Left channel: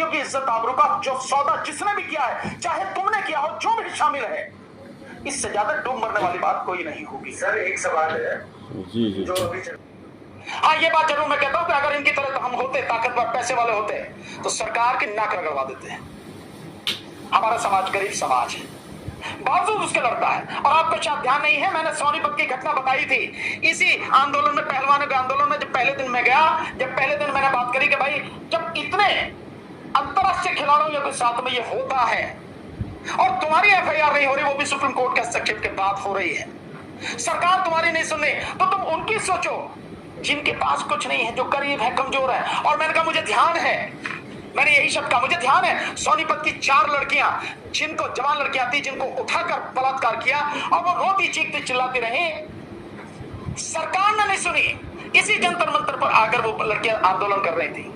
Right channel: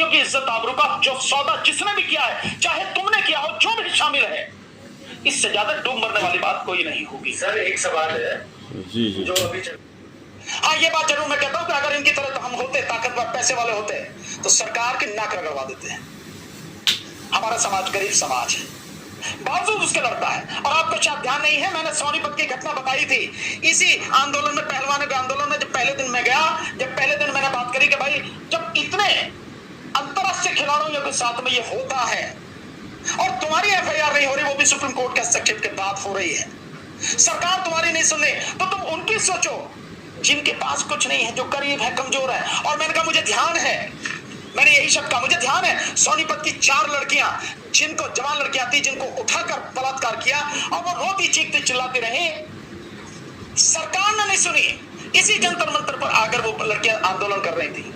बेटियों की इज्जत आबरू का जो सौदा जिसने भी किया है, चाहे तुमने किया हो, जो भी शामिल है, इससे ज्यादा डूब मरने वाली बात कोई नहीं होगी। सर एक सवाल है जी जी जो अभी हाँ, ये बात जरूर मैं कहता हूं कि अगर इनकी तरह तो हम होते, ताकतवर पैसे वाले होते, तो सरकार की नाक रगड़वा देते हैं। हमारा समाज गरीब समाज है, बावजूद उसके लड़ता है। और आपको शायद ध्यान नहीं है, मैंने सोनीपत की घटना बताई थी इसी आंदोलन में, पहलवानों के आंदोलन में। जब पहले दिन में गया, जब पहले दिन मैंने बात करी कि भाई जब इतने अंतरराष्ट्रीय खिलाड़ियों के साथ में ये होता है और तुम्हारी एफआईआर नहीं हो रही, वो भी सुप्रीम कोर्ट के हस्तक्षेप के बाद हो रही है, सरकार तुम्हारी नहीं सुन रही, तो तुम उनकी सोचो जिनके पास कुछ नहीं है, जो गरीब है, कमजोर है। और मैंने कहा मुझे ध्यान है, मैंने यही शब्द कहा, मुझे ध्यान है, सोनीपत की 4 लड़कियां, जिनको जवान लड़कियां थी, जिनको उठाकर बलात्कार किया और वो रोती चीखती चिल्लाती रही, सरकार ने नहीं सुनी। इसी जंतर मंतर पर आकर वो लड़कियां आंदोलन कर रही थी।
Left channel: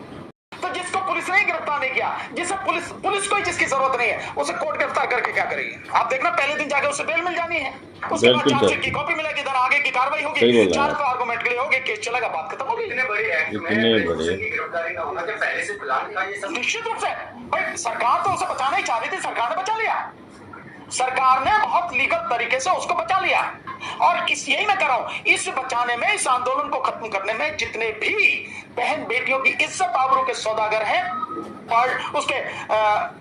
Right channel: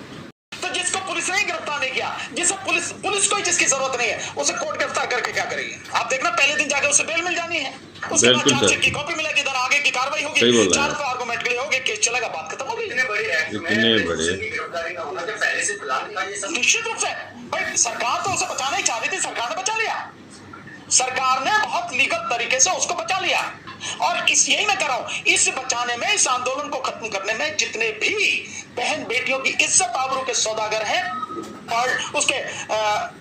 तो जिसको पुलिस ने गिरफ्तार नहीं किया, जिसे पुलिस को ही जिसकी जरूरत नहीं है, उसे कोर्ट गिरफ्तार करके क्या करेगी? आप देखना, पहले दिन जाके उसे बेल मिल जानी है, उसके बाद चार्जशीट की कॉपी मिलेगी, इधर आगे की कार्रवाई होगी, 4 आर्गुमेंट के लिए होगी, केस चलेगा, बात खत्म होगी। इतने बड़े एक्ट में की गिरफ्तारी ना होना, जो पहले से प्लान था ये सब। निश्चित रूप से भाई सरकार तो उसे बचाना ही चाह रही थी, सरकार ने बचा लिया, सरकार ने बहुत लीगल तरीके से उसको बचा लिया। और यही मैं कर रहा हूं, इस बचाने में, इस आंदोलन को खत्म करने में जितने भी बहन बेटियों की इज्जत आबरू के सौदागर हैं और उसके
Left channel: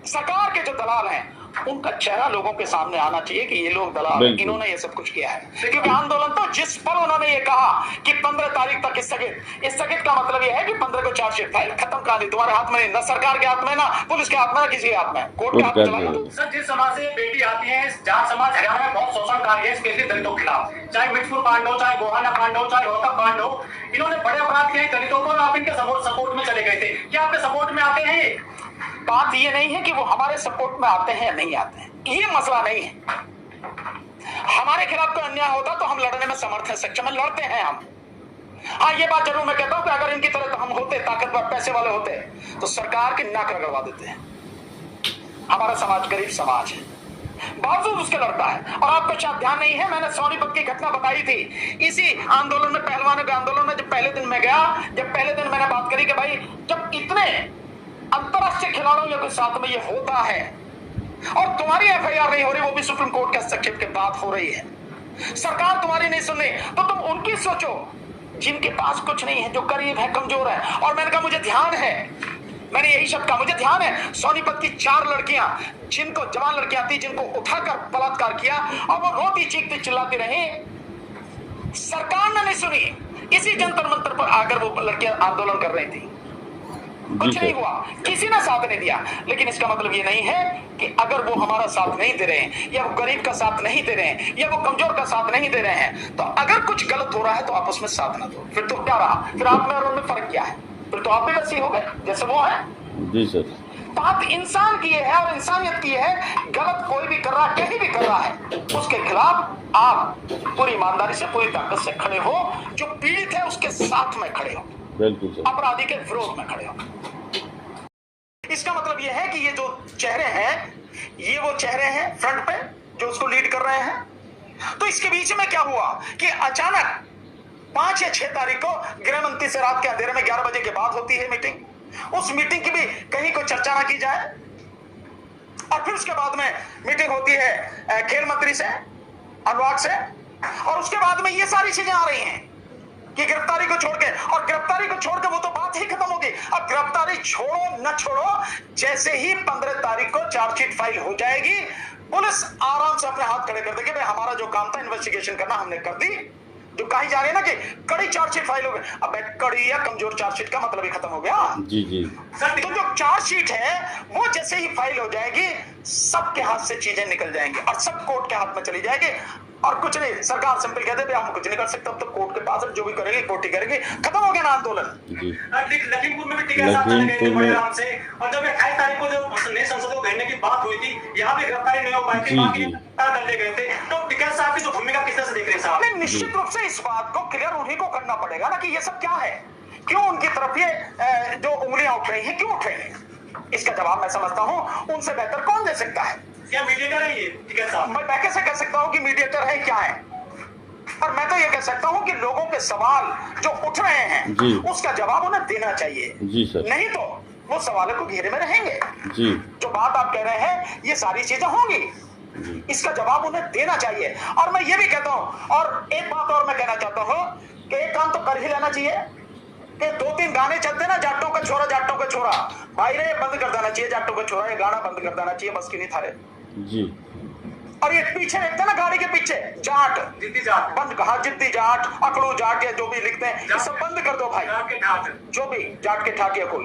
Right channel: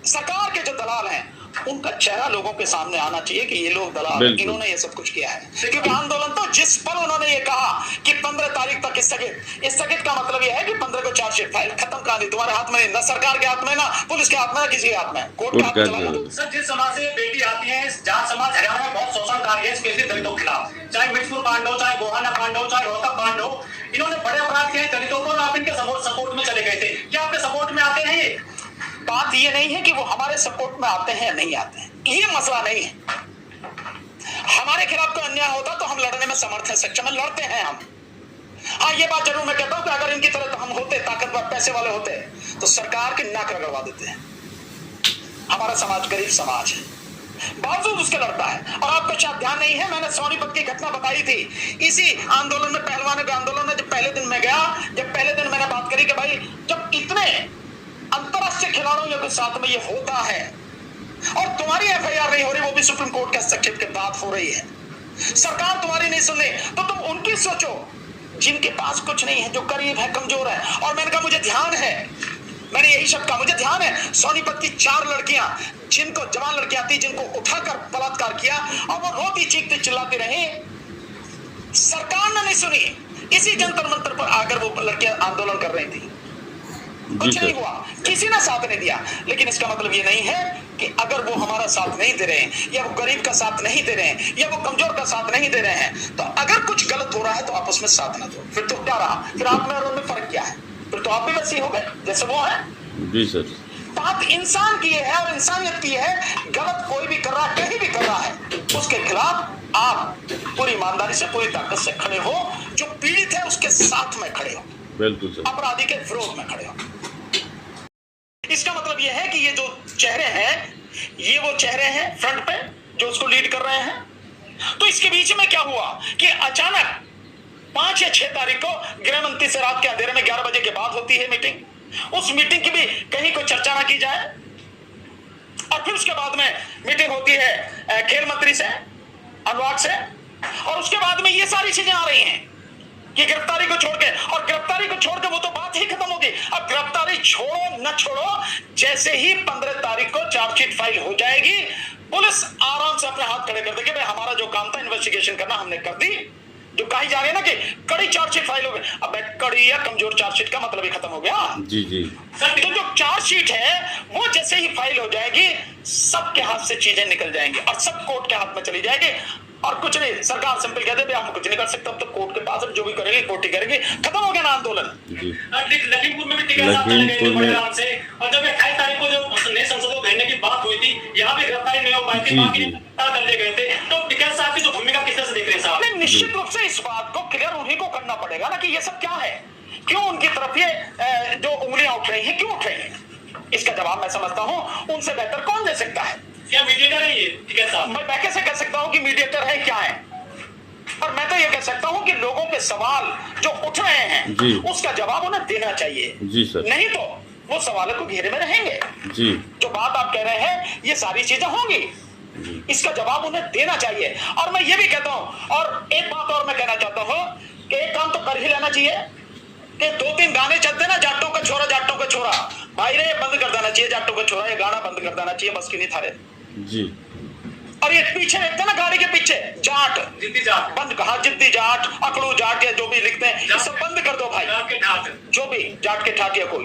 सरकार के जो दलाल हैं, उनका चेहरा लोगों के सामने आना चाहिए कि ये लोग दलाल, इन्होंने ये सब कुछ किया है। क्योंकि आंदोलन तो जिस पर उन्होंने ये कहा कि 15 तारीख तक स्थगित का मतलब ये है कि 15 को चार्जशीट फाइल खत्म करानी, तुम्हारे हाथ में नहीं, ना सरकार के हाथ में, ना पुलिस के हाथ में, ना किसी के हाथ में, कोर्ट के हाथ में चला दो। सर जिस समाज से बेटी आती है, जहाँ समाज हरियाणा में बहुत शोषण कार्य है, स्पेशली दलितों के खिलाफ, चाहे मिठपुर कांड हो, चाहे गोहाना कांड हो, चाहे रोहतक कांड हो, इन्होंने बड़े अपराध किए दलितों को, आप इनके सपोर्ट में चले गए थे। क्या आपके सपोर्ट में आते हैं? बात ये नहीं है कि वो हमारे सपोर्ट में आते हैं या नहीं आते हैं, ये मसला नहीं है। हमारे खिलाफ कोई अन्याय होता तो हम लड़ने में समर्थ हैं, सक्षम है, लड़ते हैं हम। हाँ, ये बात जरूर मैं कहता हूं कि अगर इनकी तरह तो हम होते, ताकतवर पैसे वाले होते, तो सरकार की नाक रगड़वा देते हैं। हमारा समाज गरीब समाज है, बावजूद उसके लड़ता है। और आपको शायद ध्यान नहीं है, मैंने सोनीपत की घटना बताई थी इसी आंदोलन में, पहलवानों के आंदोलन में। जब पहले दिन में गया, जब पहले दिन मैंने बात करी कि भाई जब इतने अंतरराष्ट्रीय खिलाड़ियों के साथ में ये होता है और तुम्हारी एफआईआर नहीं हो रही, वो भी सुप्रीम कोर्ट के हस्तक्षेप के बाद हो रही है, सरकार तुम्हारी नहीं सुन रही, तो तुम उनकी सोचो जिनके पास कुछ नहीं है, जो गरीब है, कमजोर है। और मैंने कहा मुझे ध्यान है, मैंने यही शब्द कहा, मुझे ध्यान है, सोनीपत की 4 लड़कियां, जिनको जवान लड़कियां थी, जिनको उठाकर बलात्कार किया और वो रोती चीखती चिल्लाती रही, सरकार ने नहीं सुनी। इसी जंतर मंतर पर आकर वो लड़कियां आंदोलन कर रही थी, कुछ नहीं हुआ, किसी ने साथ नहीं दिया। लेकिन इसका मतलब ये नहीं है कि अगर वो हमारा साथ नहीं दे रहे हैं, या वो गरीब का साथ नहीं दे रहे हैं, या वो कमजोर का साथ नहीं दे रहे हैं, तो अगर कुछ गलत हो रहा है तो आप उसमें साथ ना दो, फिर तो क्या रहा, फिर आप में और उनमें फर्क क्या है? फिर तो आप भी वैसे ही हो गए जैसे वो है। जी सर, बात इंसान की है और इंसानियत की है। गलत कोई भी कर रहा है, कहीं भी कर रहा है, उसके खिलाफ आप पूरी ईमानदारी से, पूरी ताकत से खड़े हो, जो पीड़ित है उसके साथ में खड़े हो, बिल्कुल सर, अपराधी के विरोध में खड़े हो। इसका मतलब यह है कि ये जो चेहरे हैं, ये वो चेहरे हैं फ्रंट पे जो उसको लीड कर रहे हैं। तो इसके बीच में क्या हुआ कि अचानक 5 या 6 तारीख को गृह मंत्री से रात के अंधेरे में 11 बजे के बाद होती है मीटिंग। उस मीटिंग की भी कहीं कोई चर्चा ना की जाए, और फिर उसके बाद में मीटिंग होती है खेल मंत्री से, अनुराग से, और उसके बाद में ये सारी चीजें आ रही हैं कि गिरफ्तारी को छोड़ के, और गिरफ्तारी को छोड़ के वो तो बात ही खत्म होगी। अब गिरफ्तारी छोड़ो न छोड़ो, जैसे ही 15 तारीख को चार्जशीट फाइल हो जाएगी, पुलिस आराम से अपने हाथ खड़े कर देगी, भाई हमारा जो काम था इन्वेस्टिगेशन करना, हमने कर दी। जो कही जा रही है ना कि कड़ी चार्जशीट फाइल हो गई, अब कड़ी या कमजोर चार्जशीट का मतलब ही खत्म हो गया। जी जी, तो जो चार्जशीट है वो जैसे ही फाइल हो जाएगी, सबके हाथ से चीजें निकल जाएंगी और सब कोर्ट के हाथ में चली जाएगी। और कुछ नहीं, सरकार सिंपल कहते हैं हम कुछ नहीं कर सकते, अब तो कोर्ट के पास जो भी करेगी कोर्ट ही करेगी, खत्म हो गया ना आंदोलन। लखीमपुर में भी लखीमपुर में से, और जब 28 तारीख को जो नए संसद को भेजने की बात हुई थी, यहाँ भी गिरफ्तारी नहीं हो पाई थी, बाकी कर दिए गए थे। तो टिकैत साहब की जो भूमिका किस तरह से देख रहे हैं साहब? निश्चित रूप से इस बात को क्लियर उन्हीं को करना पड़ेगा ना कि ये सब क्या है, क्यों उनकी तरफ ये जो उंगलियां उठ रही हैं, क्यों उठ रही हैं। इसका जवाब मैं समझता हूं उनसे बेहतर कौन दे सकता है। क्या मीडिएटर है ये टिकैत साहब? मैं कैसे कह सकता हूं कि मीडिएटर है क्या है, और मैं तो ये कह सकता हूं कि लोगों के सवाल जो उठ रहे हैं उसका जवाब उन्हें देना चाहिए। जी सर, नहीं तो वो सवालों को घेरे में रहेंगे। जी जो बात आप कह रहे हैं ये सारी चीजें होंगी, इसका जवाब उन्हें देना चाहिए। और मैं ये भी कहता हूं, और एक बात और मैं कहना चाहता हूं कि एक काम तो कर ही लेना चाहिए कि 2-3 गाने चलते ना, जाटों का छोरा भाई रे, बंद कर देना चाहिए। जाटों का छोरा ये गाना बंद कर देना चाहिए, बस की नहीं थारे। जी। और ये पीछे लिखते ना गाड़ी के पीछे जाट, जिद्दी जाट, बंद कहा, जिद्दी जाट, अकड़ू जाट या जो भी लिखते हैं ये सब बंद कर दो भाई। जाट के ठाट, जो भी जाट के ठाट या कोई,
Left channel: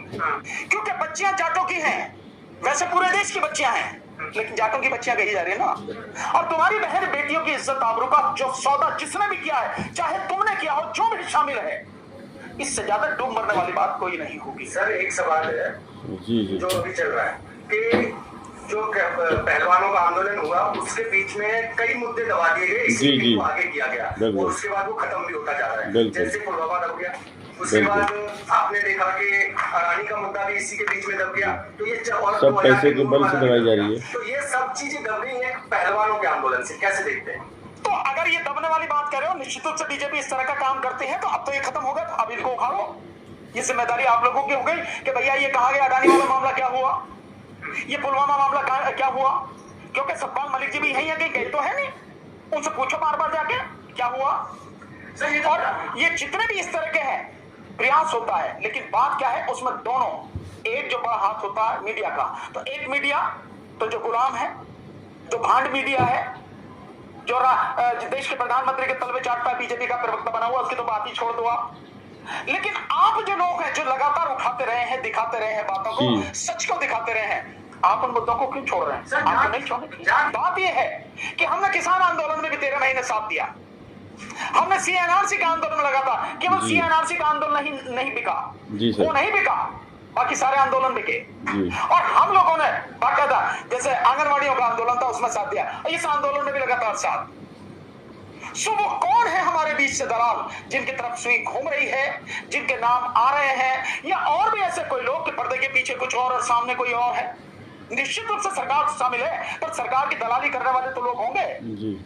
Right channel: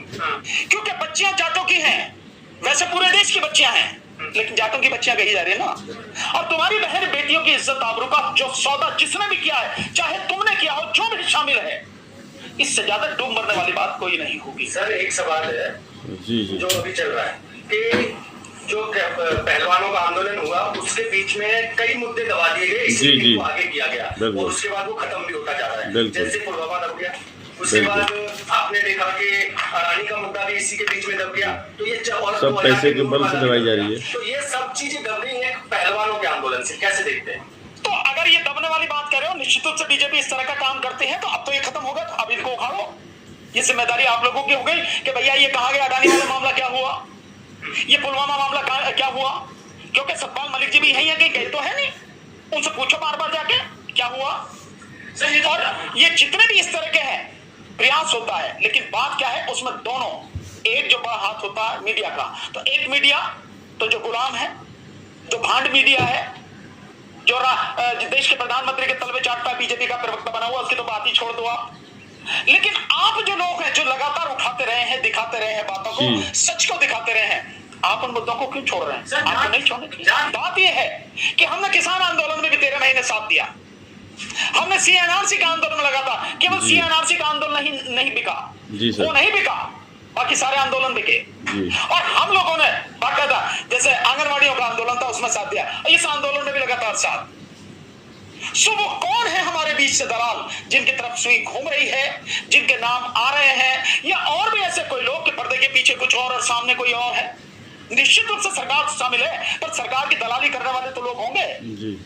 क्योंकि बच्चियां जाटों की हैं, वैसे पूरे देश की बच्चियां हैं, लेकिन जाटों की बच्चियां कही जा रही है ना। और तुम्हारी बहन बेटियों की इज्जत आबरू का जो सौदा जिसने भी किया है, चाहे तुमने किया हो, जो भी शामिल है, इससे ज्यादा डूब मरने वाली बात कोई नहीं होगी। सर एक सवाल है जी जी जो अभी चल रहा है कि जो पहलवानों का आंदोलन हुआ उसके बीच में कई मुद्दे दबा दिए गए, इसीलिए इनको आगे किया गया और उसके बाद वो खत्म भी होता जा रहा है। जैसे पुलवामा दब गया, उसके बाद आपने देखा कि अडानी का मुद्दा भी इसी के बीच में दब गया। तो ये सब पैसे के बल से दबाई जा रही है। तो ये सब चीजें दब गई है पहलवानों के आंदोलन से, कैसे देखते हैं? तो अगर ये दबने वाली बात कर रहे हो, निश्चित रूप से बीजेपी इस तरह का काम करते हैं, तो अब तो ये खत्म होगा, तो अब इनको उखाड़ो। ये जिम्मेदारी आप लोगों की हो गई कि भैया ये कहा गया, अडानी वाला मामला क्या हुआ, ये पुलवामा मामला क्या हुआ, क्योंकि सतपाल मलिक जी भी यही है कि गए तो है नहीं, उनसे पूछो बार बार जाके क्या हुआ। और ये जितने भी इस तरह के हैं प्रयास होता है, लेकिन बात क्या है उसमें दोनों, एक जो बड़ा हाथ होता है मीडिया का, तो एक मीडिया तो जो गुलाम है, जो भांड मीडिया है, जो देश के प्रधानमंत्री के तलवे चाटता है, बीजेपी का प्रवक्ता बना हुआ, उसकी तो बात ही छोड़ दो आप। लेकिन आप जो लोग हैं जो लगातार उठाते रहे हैं, दिखाते रहे हैं बातों को, सच को दिखाते रहे हैं, आप उन मुद्दों को क्यों छोड़ रहे हैं? आपको नहीं छोड़ने चाहिए। बात यह है कि हमने किसान आंदोलन में भी 13 महीने साथ दिया, हमने सीएनआरसी का आंदोलन लगा था, केवल सीएनआरसी का आंदोलन नहीं बिका, वो नहीं बिका, बाकी सारे आंदोलन बिके। और हम लोगों ने बाकायदा जैसे आंगनवाड़ियों का आंदोलन था उसमें साथ दिया, इस आंदोलन में भी लगातार साथ। सो वो कौन है हमारे बीच से दलाल जिनकी तरफ सुई घूम रही है, जिनके नाम आ रहे हैं, या और भी ऐसे कोई लोग कि पर्दे के पीछे कुछ और सामने कोई और है? निश्चित रूप से सरकार शामिल है, पर सरकार की दलाली करने वाले तो लोग होंगे जी।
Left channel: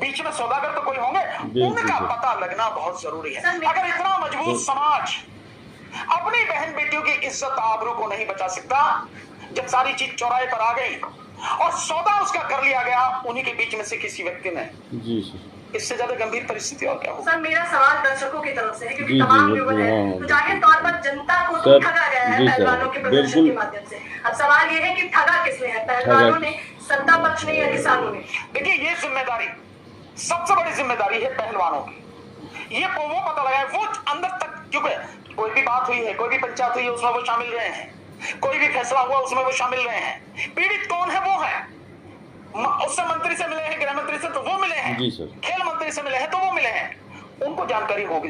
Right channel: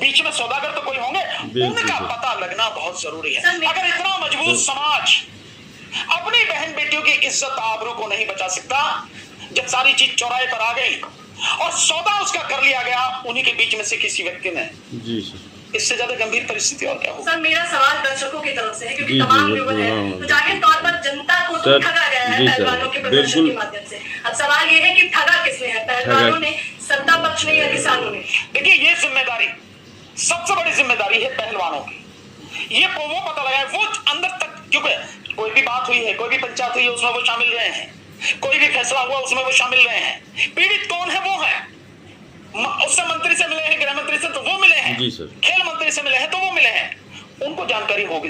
बीच में सौदागर तो कोई होंगे, उनका पता लगना बहुत जरूरी है। अगर इतना मजबूत समाज अपनी बहन बेटियों की इज्जत आबरू को नहीं बचा सकता, जब सारी चीज चौराहे पर आ गई और सौदा उसका कर लिया गया उन्हीं के बीच में से किसी व्यक्ति ने, जी इससे ज्यादा गंभीर परिस्थिति और क्या होगी? सर मेरा सवाल दर्शकों की तरफ से है, क्योंकि तमाम व्यूअर हैं, तो जाहिर तौर पर जनता को तो ठगा गया है पहलवानों के प्रदर्शन के माध्यम से। अब सवाल ये है कि ठगा किसने है, पहलवानों ने, सत्ता पक्ष ने, या किसानों ने? देखिए ये जिम्मेदारी, सबसे बड़ी जिम्मेदारी है पहलवानों की। ये वो पता लगाए वो अंदर तक, क्योंकि कोई भी बात हुई है, कोई भी पंचायत हुई है, उसमें वो शामिल रहे हैं, कोई भी फैसला हुआ उसमें वो शामिल रहे हैं। पीड़ित कौन है? वो है, उससे मंत्री से मिले हैं, गृह मंत्री से तो वो मिले हैं, खेल मंत्री से मिले हैं तो वो मिले हैं, उनको जानकारी होगी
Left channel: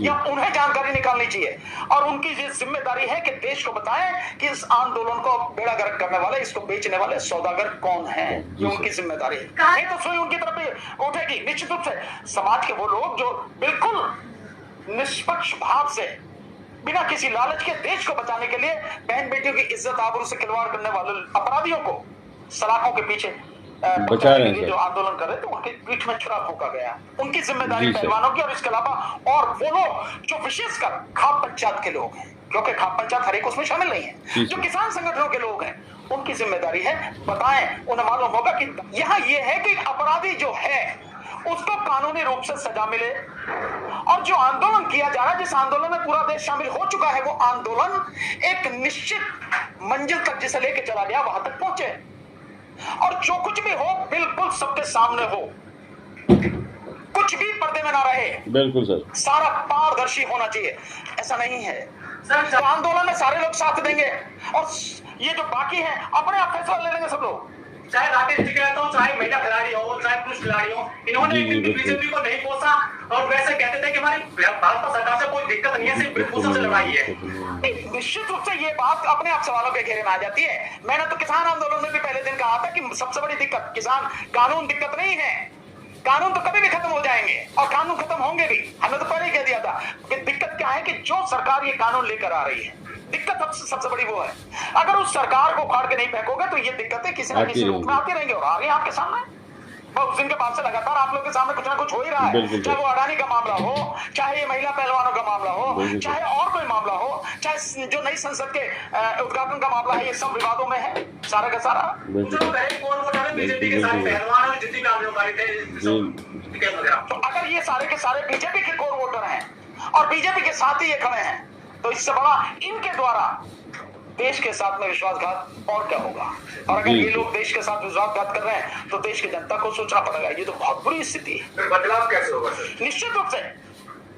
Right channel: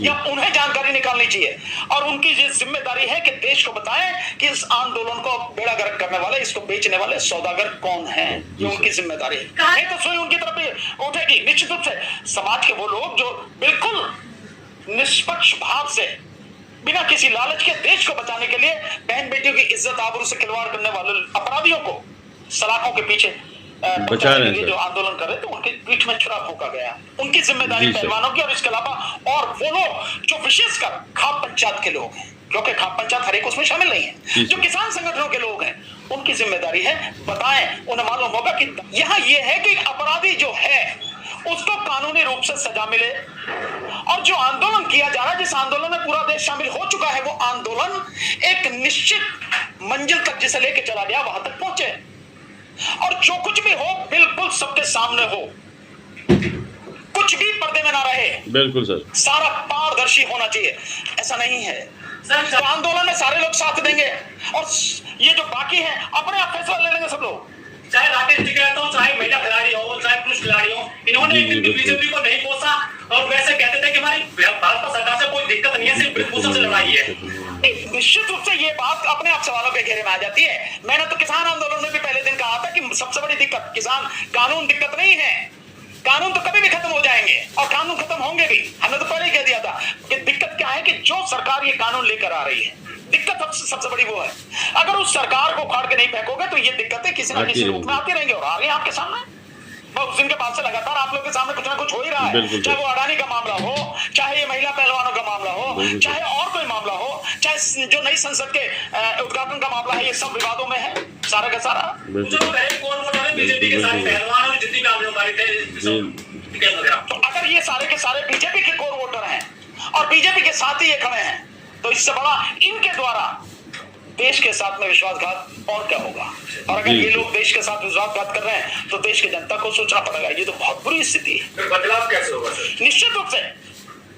या उन्हें जानकारी निकालनी चाहिए। और उनकी ये जिम्मेदारी है कि देश को बताएं कि इस आंदोलन को बेड़ा गर्क करने वाले, इसको बेचने वाले सौदागर कौन है, ये उनकी जिम्मेदारी है। नहीं तो सोई उनकी तरफ उठेगी। निश्चित रूप से समाज के वो लोग जो बिल्कुल निष्पक्ष भाव से, बिना किसी लालच के, देश को बचाने के लिए बहन बेटियों की इज्जत आबरू से खिलवाड़ करने वाले अपराधियों को सलाखों के पीछे बचा रहे हैं, जो आंदोलन कर रहे थे उनके पीठ में छुरा फूका गया, उनकी जिम्मेदारी पहलवानों की। और इसके अलावा और वो लोग जो विशेषकर खाप पंचायत के लोग हैं, क्योंकि खाप पंचायत हर एक उसमें शामिल नहीं है, जो किसान संगठनों के लोग हैं, उनकी जिम्मेदारी है बताएं। उन्हें मालूम होगा कि यहाँ ये है कि अपराधी जो है उसको कानूनी रूप से सजा मिले, और जो आंदोलन किया जा रहा है, जिस आंदोलन में पूरा देश शामिल हो चुका है, वो आंदोलन एक निश्चित मंजिल तक जिसे लेके चला गया वहां तक पहुंचे, और जो कुछ भी हो बिल्कुल सबके सामने हो, कुछ भी पर्दे में ना रहे। बिल्कुल सर, सारा पारदर्शी होना चाहिए। ऐसा नहीं है सर, तो आंदोलन में सारे लोग साथ देंगे और ये जो बाकी है अपने आप फैसला ले लेंगे सब लोग, चाहे राकेश टिकैत हो, चाहे महिला खिलाड़ी हो, चाहे पुरुष खिलाड़ी हो। इन्होंने बीजेपी को नहीं पोसा और वैसे कहते थे कि हमारी भाजपा सरकार से कोई दिक्कत नहीं है, सिर्फ ब्रिजभूषण से लड़ाई है। निश्चित रूप से ये बात अपने आप सवालों के घेरे में आ जाती है। मैंने तो किसान आंदोलन में भी पहले दिन कहा था कि सबसे बड़ी दिक्कत किसान कानून दिक्कत नहीं है, कानून तो कभी भी खत्म हो जाएंगे और कानून खत्म होंगे भी। हमने तो पहले ही कह दिया था कि दिक्कत क्या है कि जो सरकार ये कानून लेकर आ रही है, दिक्कत सबसे बड़ी वो है। अगर उस सरकार को उखाड़ के नहीं फेंकोगे तो ये दिक्कतें किसी न किसी रूप में आती रहेंगी और आ रही है आपके सामने। उस दिन के बाद से लगातार आप लोग के सामने कुछ ना कुछ हो ही रहा है, बिल्कुल चाहे वो अडानी का मामला हो, चाहे ये महिला पहलवानों का मामला हो, बिल्कुल। चाहे और कोई मामला हो, चाहे जो नई संसद के उद्घाटन का मामला है, ये सब विवादों में है सारा का सारा। बिल्कुल कौन वोटर है बीजेपी के सारे पहलवान और जितनी भी आंदोलनकारी थे, तो अगर ये सारे के सारे बीजेपी के कोर वोटर हैं और बीजेपी के साथ ही ये खड़े हैं, तो इससे बड़ा इनके द्वारा देश के साथ में विश्वासघात और क्या होगा। और अगर ये लोग देश के साथ विश्वासघात कर रहे हैं तो देश की जनता को सोचना पड़ेगा। ये तो बहुत बुरी स्थिति है। फिर बदलाव कैसे होगा सर? निश्चित रूप से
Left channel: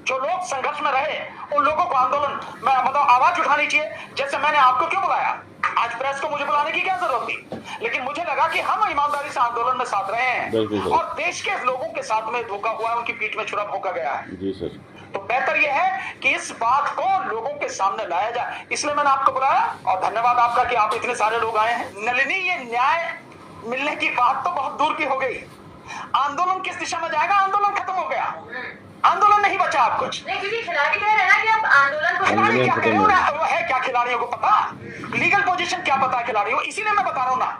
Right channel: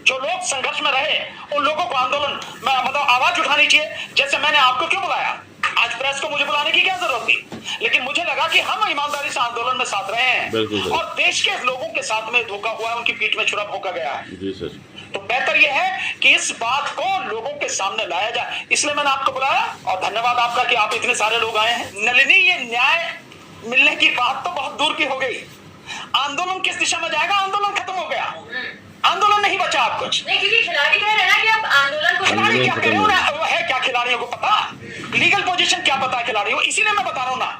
जो लोग संघर्ष में रहे उन लोगों को आंदोलन में मतलब आवाज उठानी चाहिए। जैसे मैंने आपको क्यों बुलाया, आज प्रेस को मुझे बुलाने की क्या जरूरत थी, लेकिन मुझे लगा कि हम ईमानदारी से आंदोलन में साथ रहे हैं और देश के लोगों के साथ में धोखा हुआ है, उनकी पीठ में छुरा भोंका गया है। जी सर। तो बेहतर यह है कि इस बात को लोगों के सामने लाया जाए, इसलिए मैंने आपको बुलाया और धन्यवाद आपका कि आप इतने सारे लोग आए हैं। नलिनी, ये न्याय मिलने की बात तो बहुत दूर की हो गई। आंदोलन किस दिशा में जाएगा? आंदोलन खत्म हो गया, आंदोलन नहीं बचा आप कुछ नहीं, क्योंकि खिलाड़ी कह रहे हैं ना कि अब आंदोलन को खिलाड़ी क्या खत्म करे, हो वो है क्या खिलाड़ियों को पता, लीगल पोजीशन क्या पता है खिलाड़ियों को, इसीलिए मैं बता रहा हूं ना।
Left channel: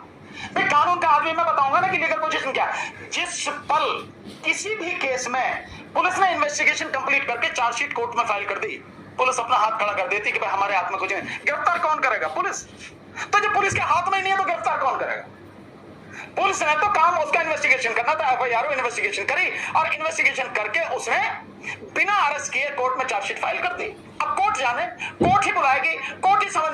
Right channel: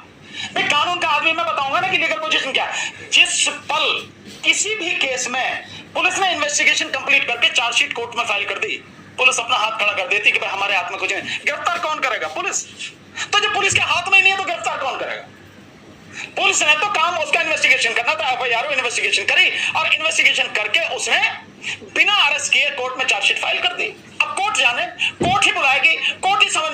मैं कानून का आदमी, मैं बताऊंगा ना कि लीगल पोजीशन क्या है। जिस पल किसी भी केस में पुलिस ने इन्वेस्टिगेशन कंप्लीट करके चार्जशीट कोर्ट में फाइल कर दी, पुलिस अपना हाथ खड़ा कर देती कि भाई हमारे हाथ में कुछ नहीं, गिरफ्तार कौन करेगा? पुलिस। तो जब पुलिस के हाथ में ही नहीं है तो गिरफ्तार कौन करेगा? पुलिस ने तो काम उसका इन्वेस्टिगेशन करना था, एफआईआर इन्वेस्टिगेशन करी और इन्वेस्टिगेशन करके उसने बिना अरेस्ट किए कोर्ट में चार्जशीट फाइल कर दी। अब कोर्ट जाने, कोर्ट ही बुलाएगी, कोर्ट ही समझ